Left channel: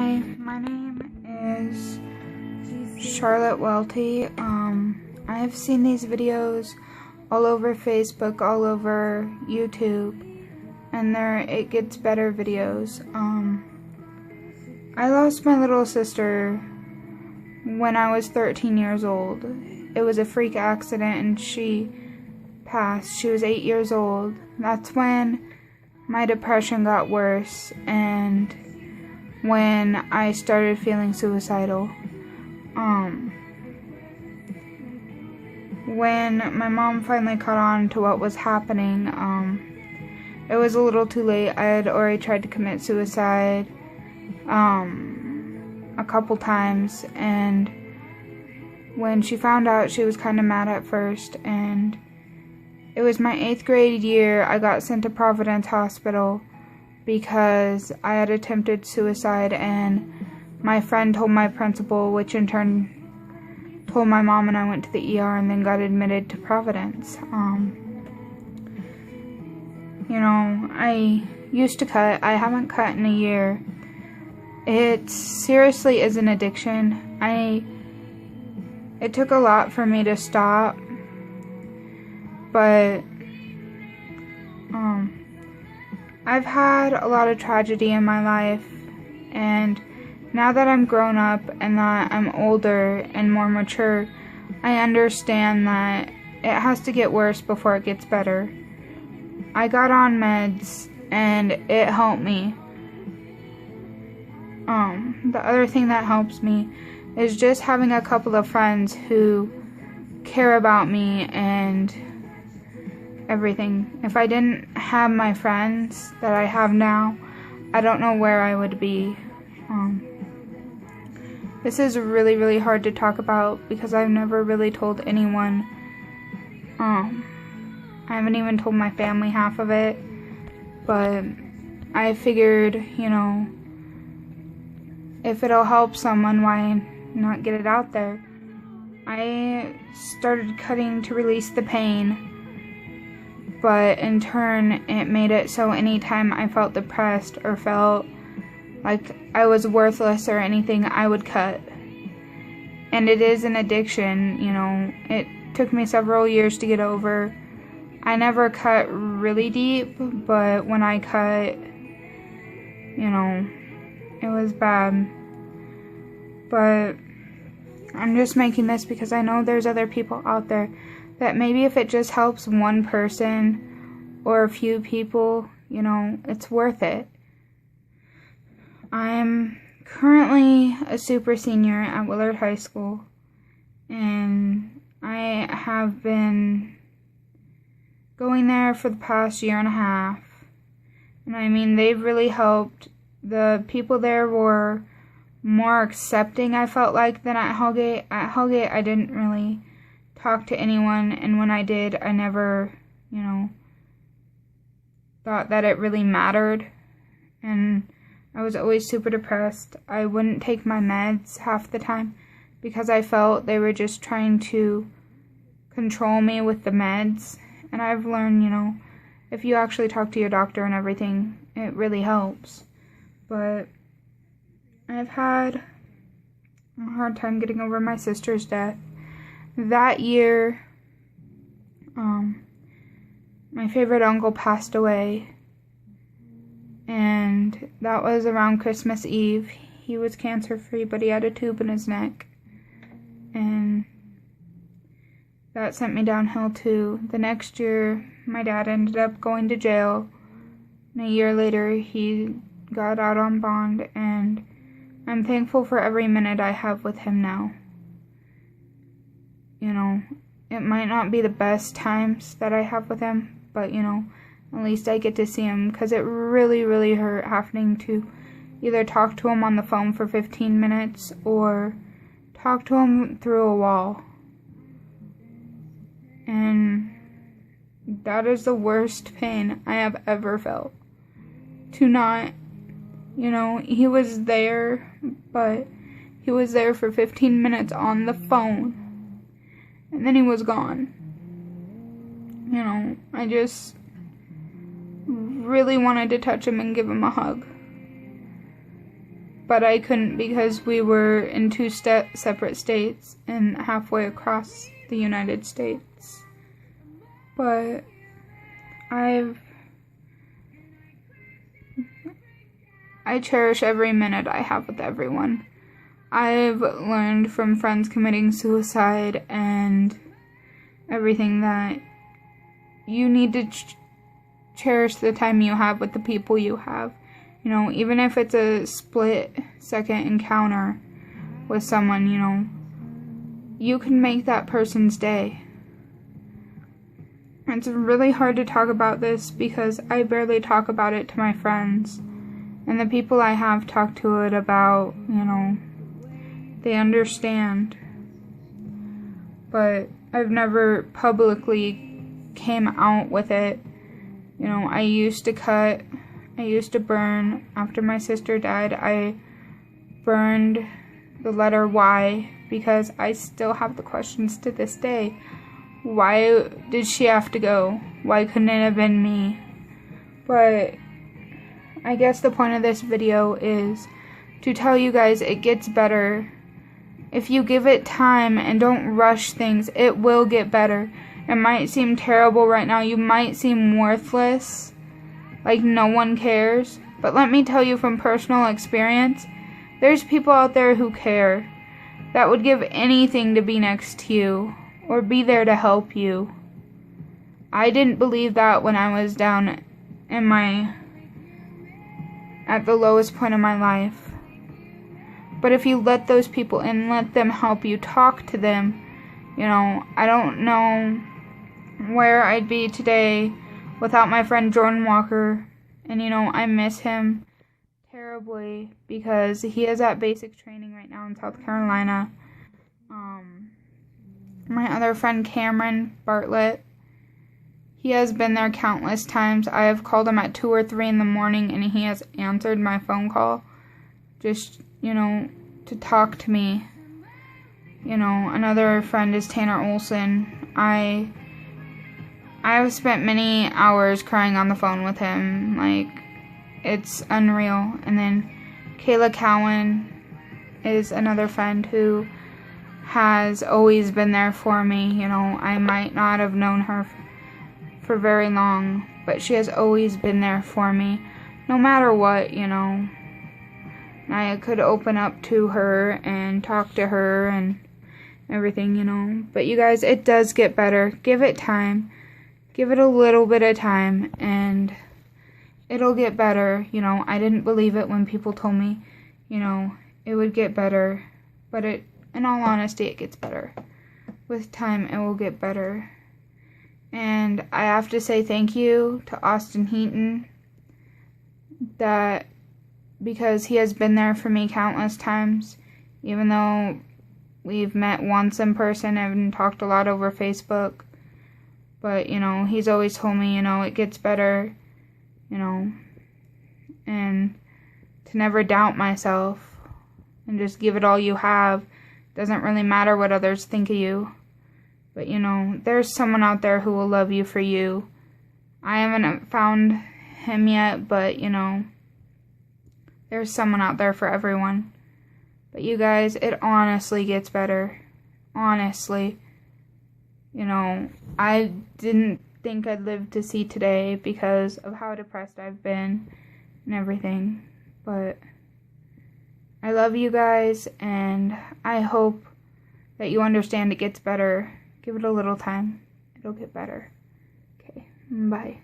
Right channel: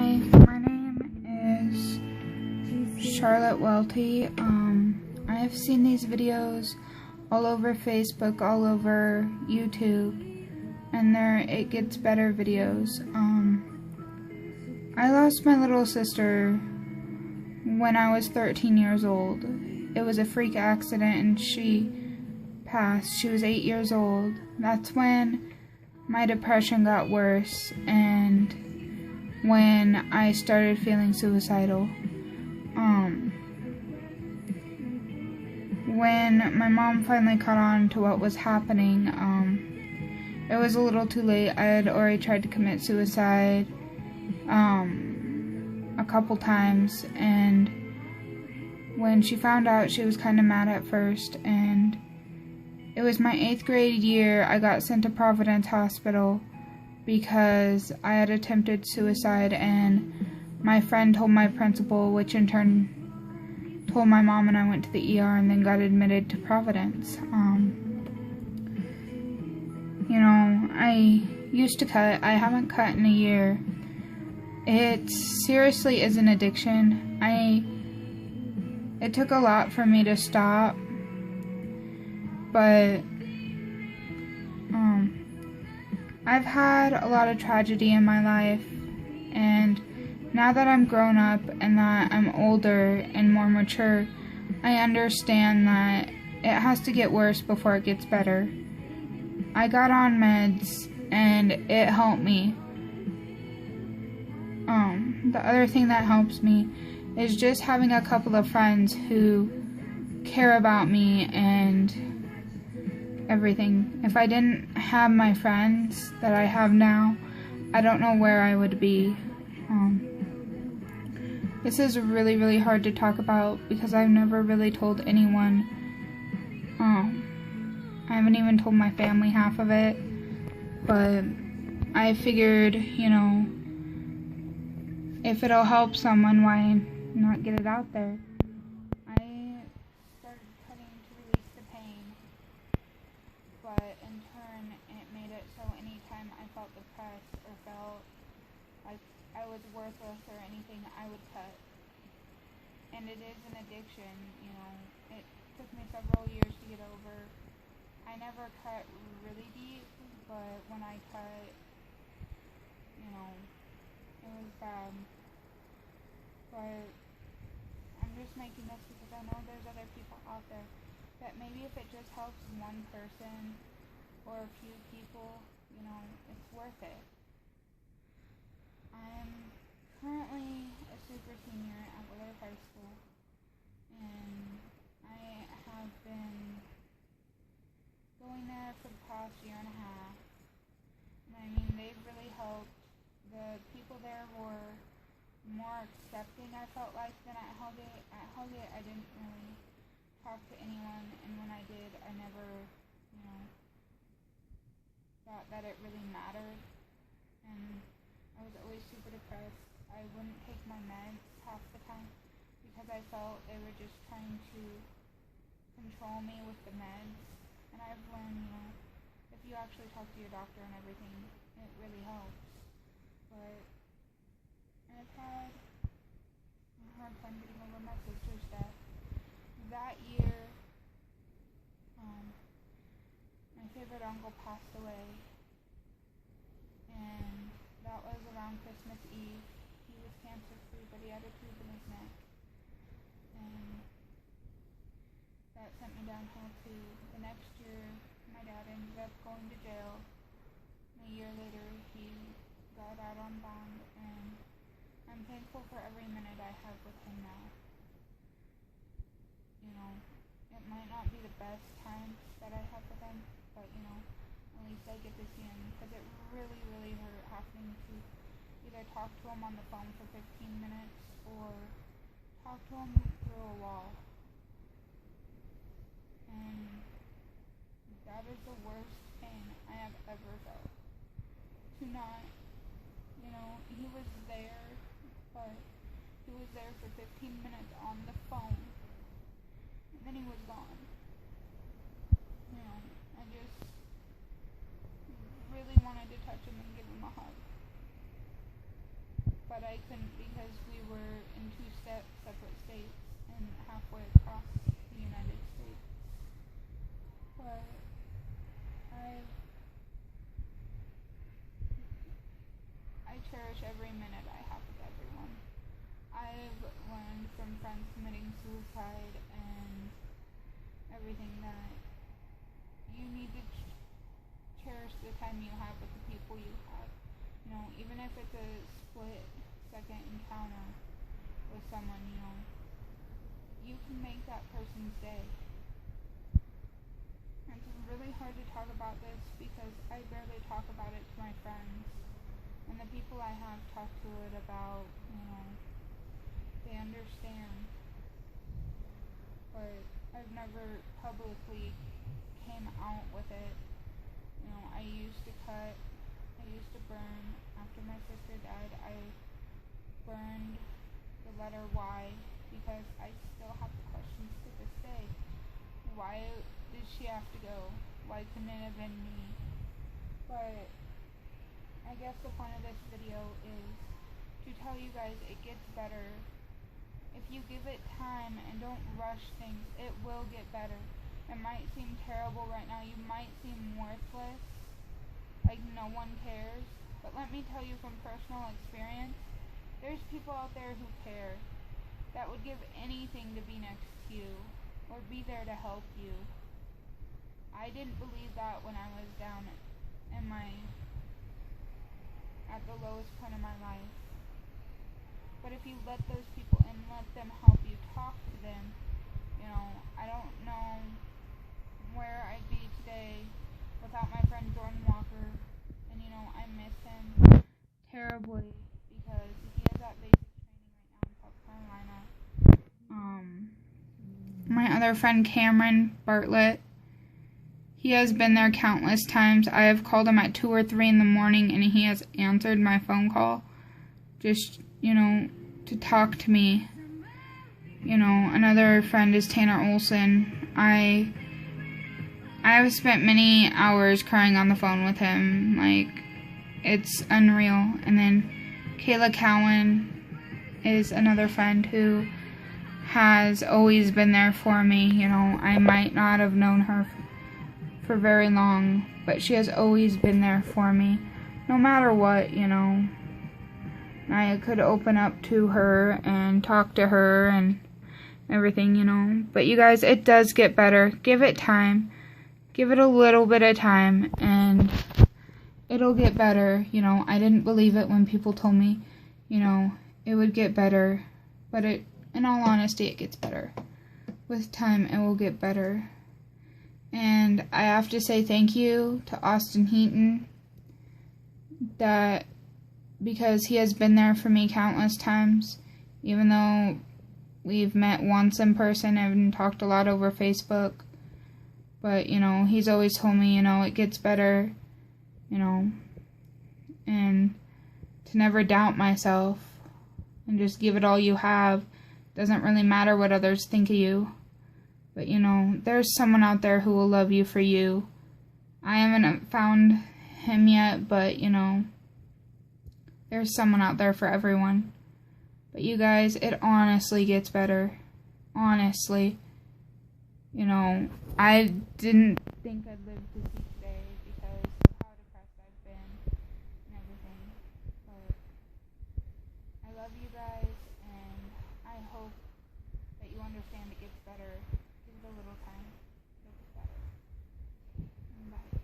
Hi, my name is Charlotte Welty. I've seen these videos all over Facebook, all over YouTube, and it gets better videos. I lost my little sister when I was 13 years old. It was a freak accident and she passed. She was 8 years old. That's when my depression got worse and when I started feeling suicidal. When my mom finally caught on to what was happening, it was a little too late. I had already tried to commit suicide a couple times, and when she found out, she was kind of mad at first. And it was my 8th grade year. I got sent to Providence Hospital because I had attempted suicide, and my friend told my principal, which in turn told my mom, and I went to the ER and then got admitted to Providence. I used to cut. I haven't cut in a year. It seriously is an addiction. It took a lot for me to stop, but I've had a lot of tragedy in my life, and now that I'm grown up and that I'm older and more mature, I understand that it has to get worse before it gets better. I got on meds and it helped me. The other thing that helps me is just having a couple of friends who care about me and everything. If I didn't have my friends that I have now, I don't know where I would be. This is really, really hard to talk about because I've never really told anyone. I haven't even told my family half of it, but I figured, if it'll help someone, why not get it out there? I started cutting to release the pain, but in turn, it made it so anytime I felt depressed or felt like I was worthless or anything, I would cut. And it is an addiction, It took me several years to get over. I never cut really deep, but when I cut, it was bad. But I'm just making this because I know there's other people out there that maybe if it just helps one person or a few people, it's worth it. I'm currently a super senior at Willard High School, and I have been going there for the past year and a half. And they've really helped. The people there were more accepting, I felt like, than at Hellgate. At Hellgate, I didn't really talk to anyone, and when I did, I never, thought that it really mattered. And I was always super depressed. I wouldn't take my meds half the time because I felt they were just trying to control me with the meds. And I've learned, if you actually talk to your doctor and everything, it really helps. But I've had a hard time getting over my sister's death. That year, my favorite uncle passed away. And that was around Christmas Eve. He was cancer-free, but he had a tube in his neck. And that sent me downhill too. The next year, my dad ended up going to jail. And a year later, he got out on bond. And I'm thankful for every minute I have with him now. It might not be the best times that I have with him, but, at least I get to see him, because it really, really hurt having to either talk to him on the phone for 15 minutes or talk to him through a wall. And that is the worst pain I have ever felt. To not, he was there, but he was there for 15 minutes on the phone, and then he was gone. I just really wanted to touch him and give him a hug. but I couldn't because we were in two separate states and halfway across the United States. But I cherish every minute I have with everyone. I've learned from friends committing suicide and everything that you need to cherish the time you have with the people you have. You know, even if it's a split-second encounter with someone, you know, you can make that person's day. It's really hard to talk about this because I barely talk about it to my friends. And the people I have talked to it about, you know, they understand. But I've never publicly came out with it. You know, I used to burn. After my sister died, I burned the letter Y because I still have the questions to this day. Why did she have to go? Why couldn't it have been me? But I guess the point of this video is to tell you guys it gets better. If you give it time and don't rush things, it will get better. It might seem terrible right now. You might seem worthless, like no one cares. But let me tell you from personal experience, there's people out there who care, that would give anything to be next to you or be there to help you. I didn't believe that when I was down at the lowest point of my life. But if you let those people in, let them help you, talk to them, you know, I don't know where I'd be today without my friend Jordan Walker. And, you know, I miss him terribly because he is at basic training right now in South Carolina. My other friend Cameron Bartlett, he has been there countless times. I have called him at 2 or 3 in the morning and he has answered my phone call just, you know, to talk to me. You know, another friend is Tanner Olson. I have spent many hours crying on the phone with him. Like, it's unreal. And then Kayla Cowan is another friend who has always been there for me. You know, I might not have known her for very long, but she has always been there for me, no matter what, you know. I could open up to her and talk to her and everything, you know. But you guys, it does get better. Give it time. Give it a little bit of time and it'll get better. You know, I didn't believe it when people told me, you know, it would get better. But in all honesty, it gets better. With time, it will get better. And I have to say thank you to Austin Heaton, because he has been there for me countless times, even though we've met once in person and talked a lot over Facebook. But, you know, he's always told me, you know, it gets better, you know, and to never doubt myself and just give it all you have. Doesn't really matter what others think of you. But, you know, there's someone out there who will love you for you. I haven't found him yet, but, you know, there's someone out there for everyone. But you guys, it honestly gets better. Honestly. You know, I didn't think I'd live to see today because of how depressed I've been and everything. But I love you guys, and I hope that you understand it gets better. Give it a little time. It'll get better. Okay, bye.